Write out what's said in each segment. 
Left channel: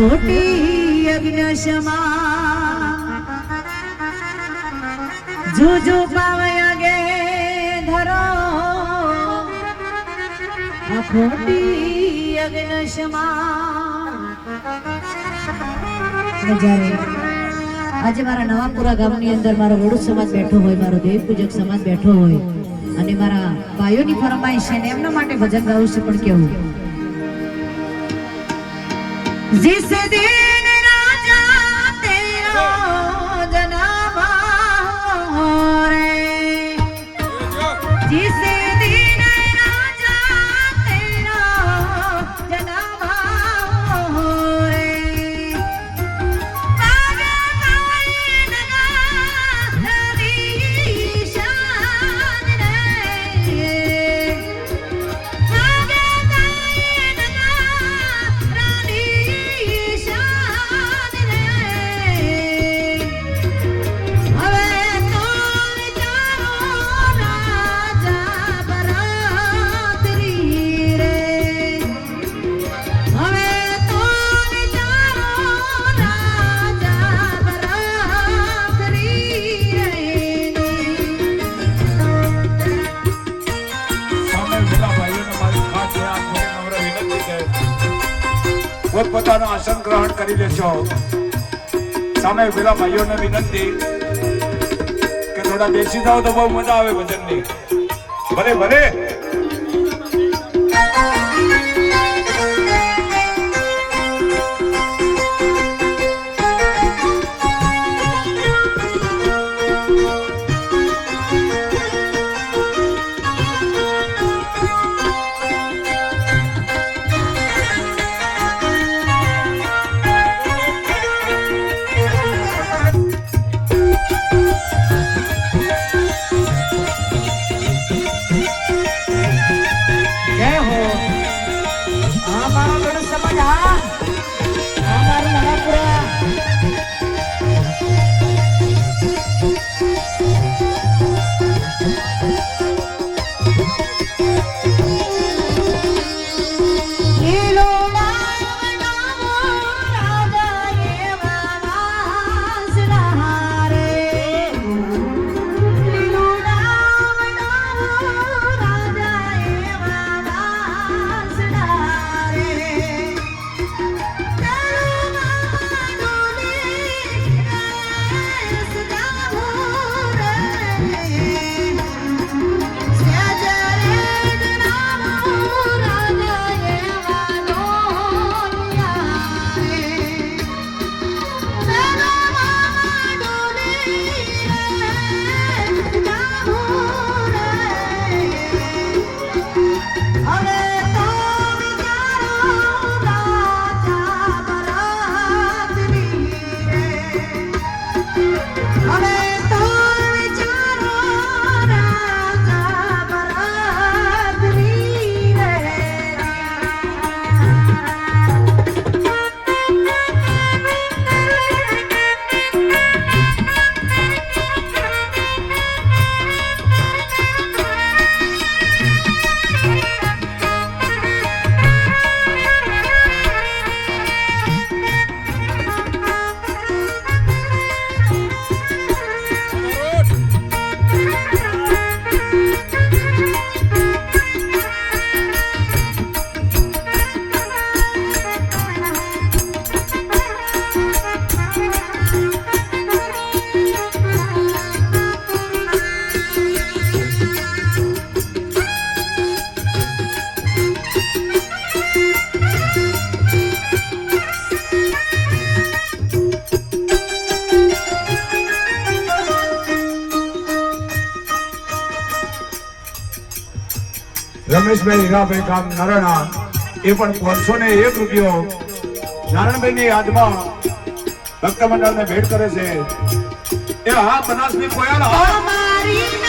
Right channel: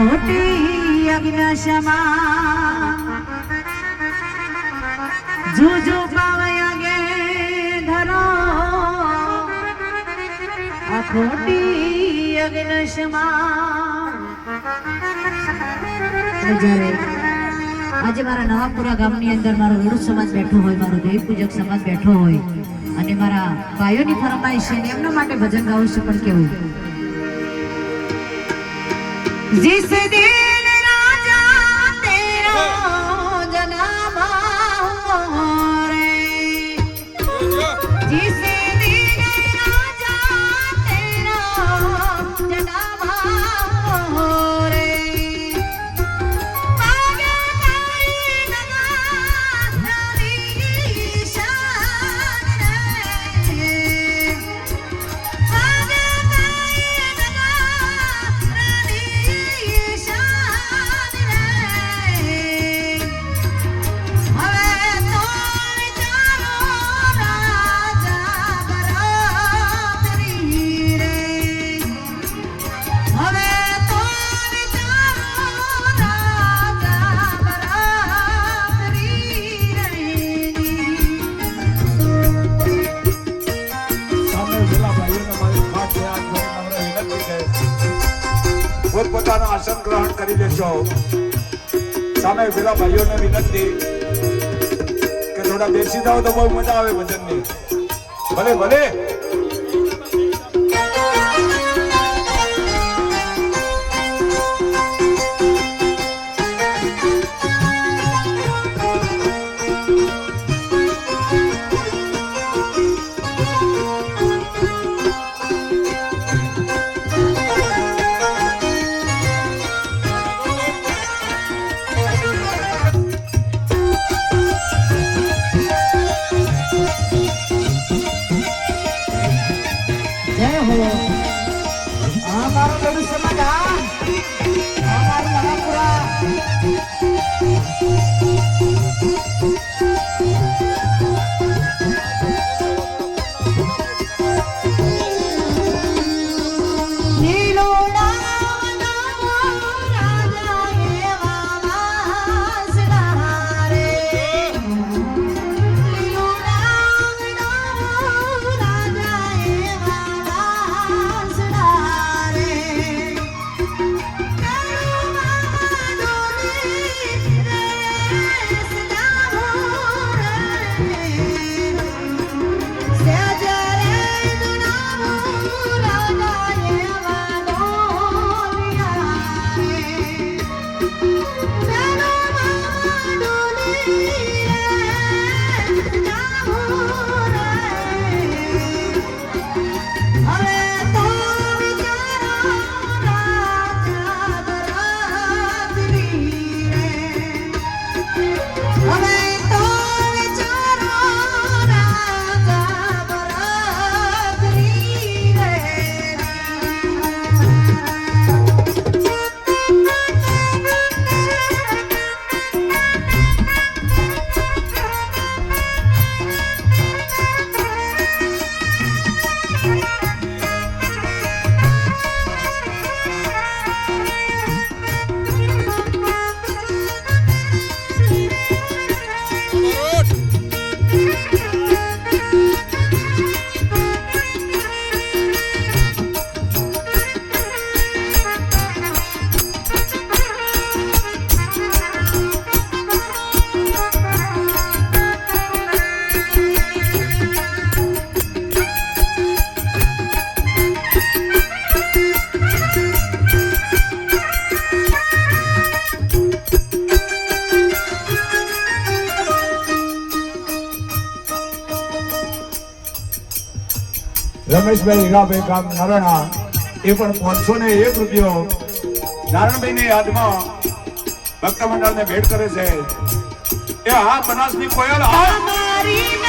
ખોટી અજ્ઞાશમાં જો જો પાવયા ગે ધરો. આ ખોટી અને આજે મારા નવાપુરા ગામની અંદર મારો વડુ સમાજ બેઠો હોય, મારો દેવ પૂજક સમાજ બેઠો હોય, અને મારા ભાઈઓની ફરમાઈશ છે એમના માટે ભજન ગાવું છું, પણ કેવું? जिस दिन राजा तेरा जन्म हो रे जिस આસન ગ્રહણ કરી લેશો સામે પેલા ભાઈઓને વિનંતી કે થોડા બેસી જાઓ તો બહુ મજા આવે ભજનની. ભલે ભલે. રમેશભાઈ હીરાભાઈ ગામ નારણા, એ પણ પાંચસો ને એક રૂપિયો નારાયણભાઈની યાદમાં ભક્ત મંડળને ભેટ કરે છે. એ હા, બનાસની કોયલ, હા.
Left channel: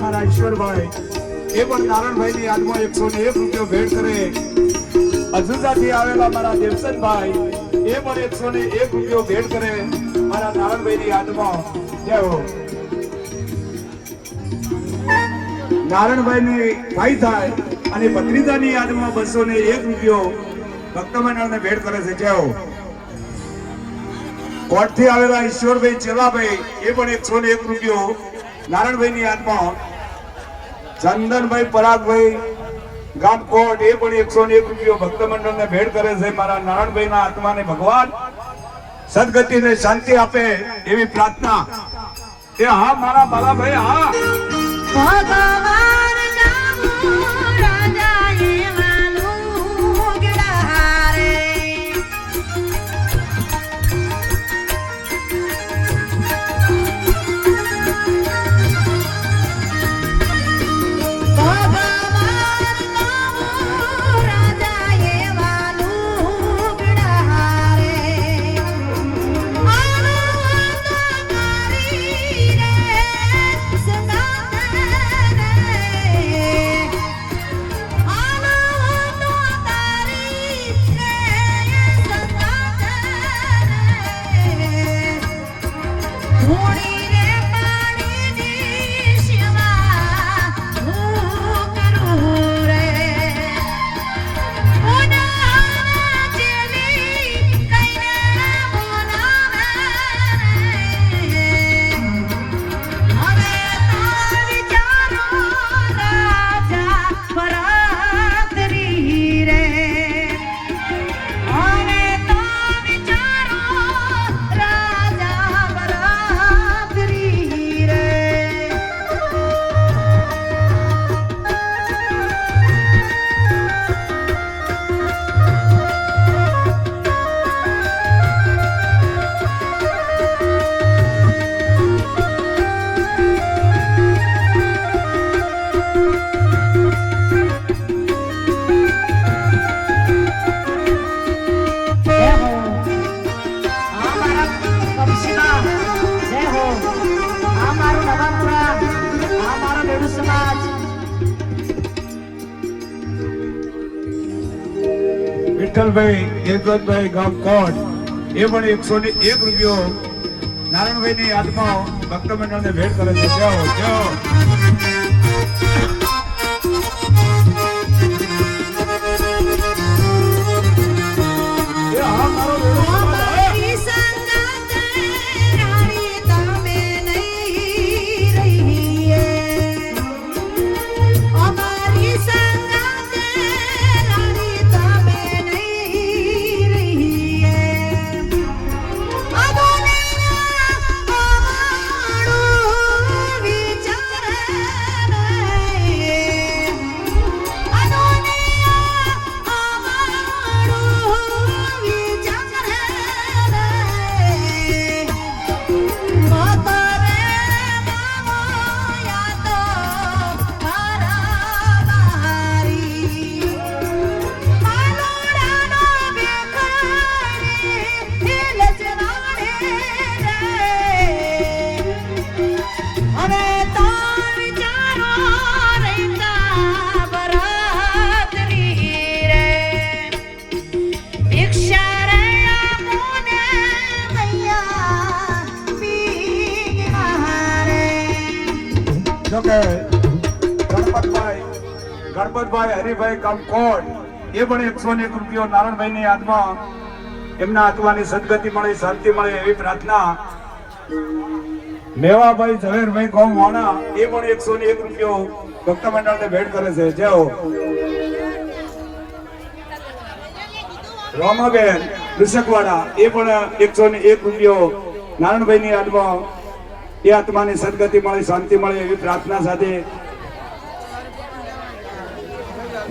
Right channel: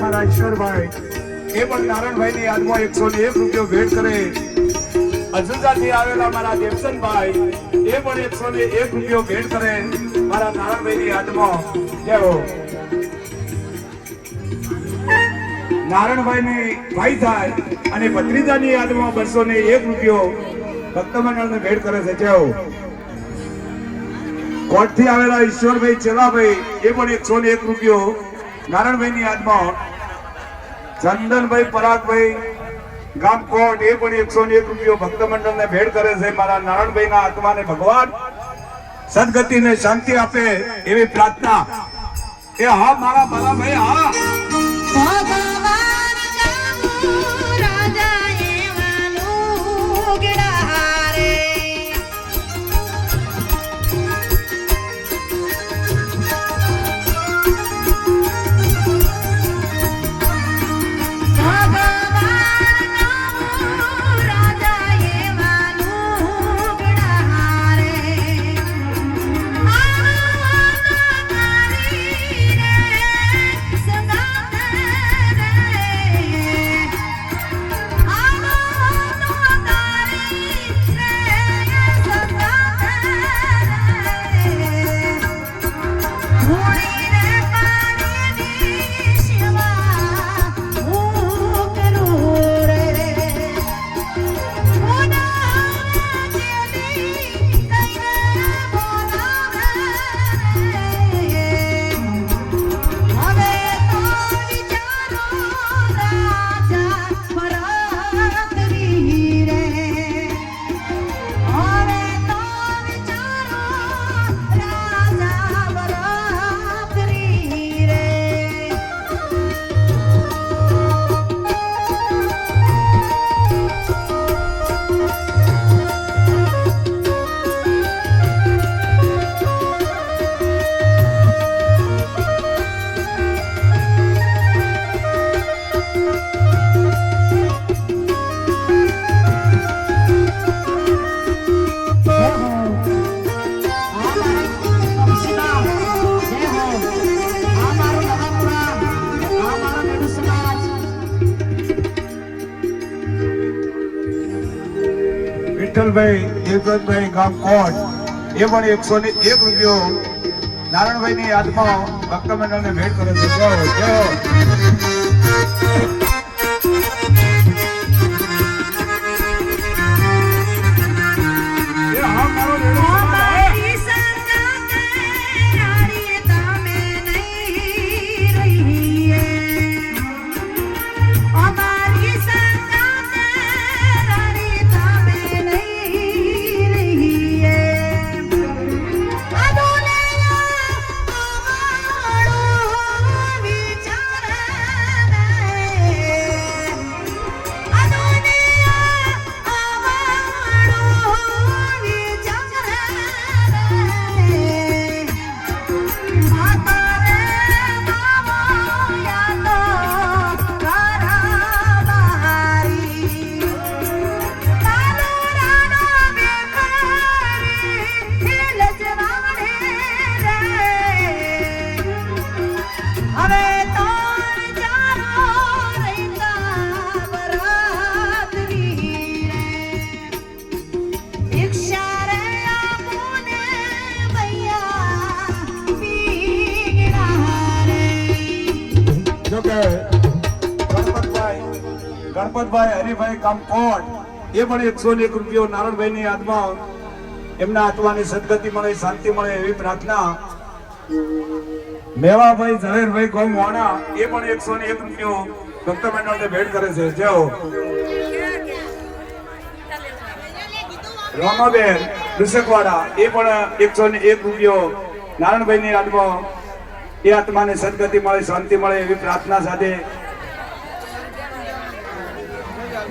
મારા ઈશ્વરભાઈ એ પણ નારાયણભાઈની યાદમાં એકસો ને એક રૂપિયો ભેટ કરે. અજુજાથી આવેલા મારા દેવસનભાઈ, એ પણ એકસો ને એક રૂપિયો ભેટ કરે મારા નારાયણભાઈની યાદમાં. જય હો નારાયણભાઈની ભાઈ થાય અને ભત્રીજાની યાદમાં બસો ને એક રૂપિયો ભક્તમંડળને ભેટ કરે છે. જય કોટથી આવેલા ઈશ્વરભાઈ ચેલાભાઈ, એ પણ એકસો ને એક રૂપિયો નારાયણભાઈની યાદમાં ચંદનભાઈ પરાગભાઈ ગામ કોટ એ પણ એકસો ને એક રૂપિયો ભક્ત મંડળને ભેટ કરે છે. મારા નારાયણભાઈના આત્માને ભગવાન સદગતિને શાંતિ આપે એવી પ્રાર્થના. કે હા, મારા બાલાભાઈ, હા. વિઠ્ઠલભાઈ દેવદત્તભાઈ ગામ કોટ એ પણ એકસો ને એક રૂપિયો નારાયણભાઈની યાદમાં ભક્ત મંડળને ભેટ કરે છે. જય જય જો કે ગણપતભાઈ એ પણ એકસો મેવાભાઈ ઝવેરભાઈ ગામ વાણા એ પણ એકસો ને એક રૂપિયો ભક્ત મંડળને ભેટ કરે છે. જેઓ રોમાબેન, ઋષકવાડા, એ પણ એકસો ને એક રૂપિયો નારાયણભાઈની યાદમાં એ આત્માને સદગતિ મળે, શાંતિ મળે એવી પ્રાર્થના સાથે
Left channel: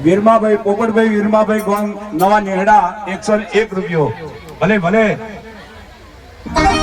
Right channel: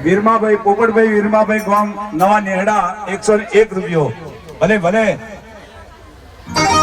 વીરમાભાઈ, પોપટભાઈ વીરમાભાઈ ગામ નવા નેહડા એકસો એક રૂપિયો. ભલે ભલે.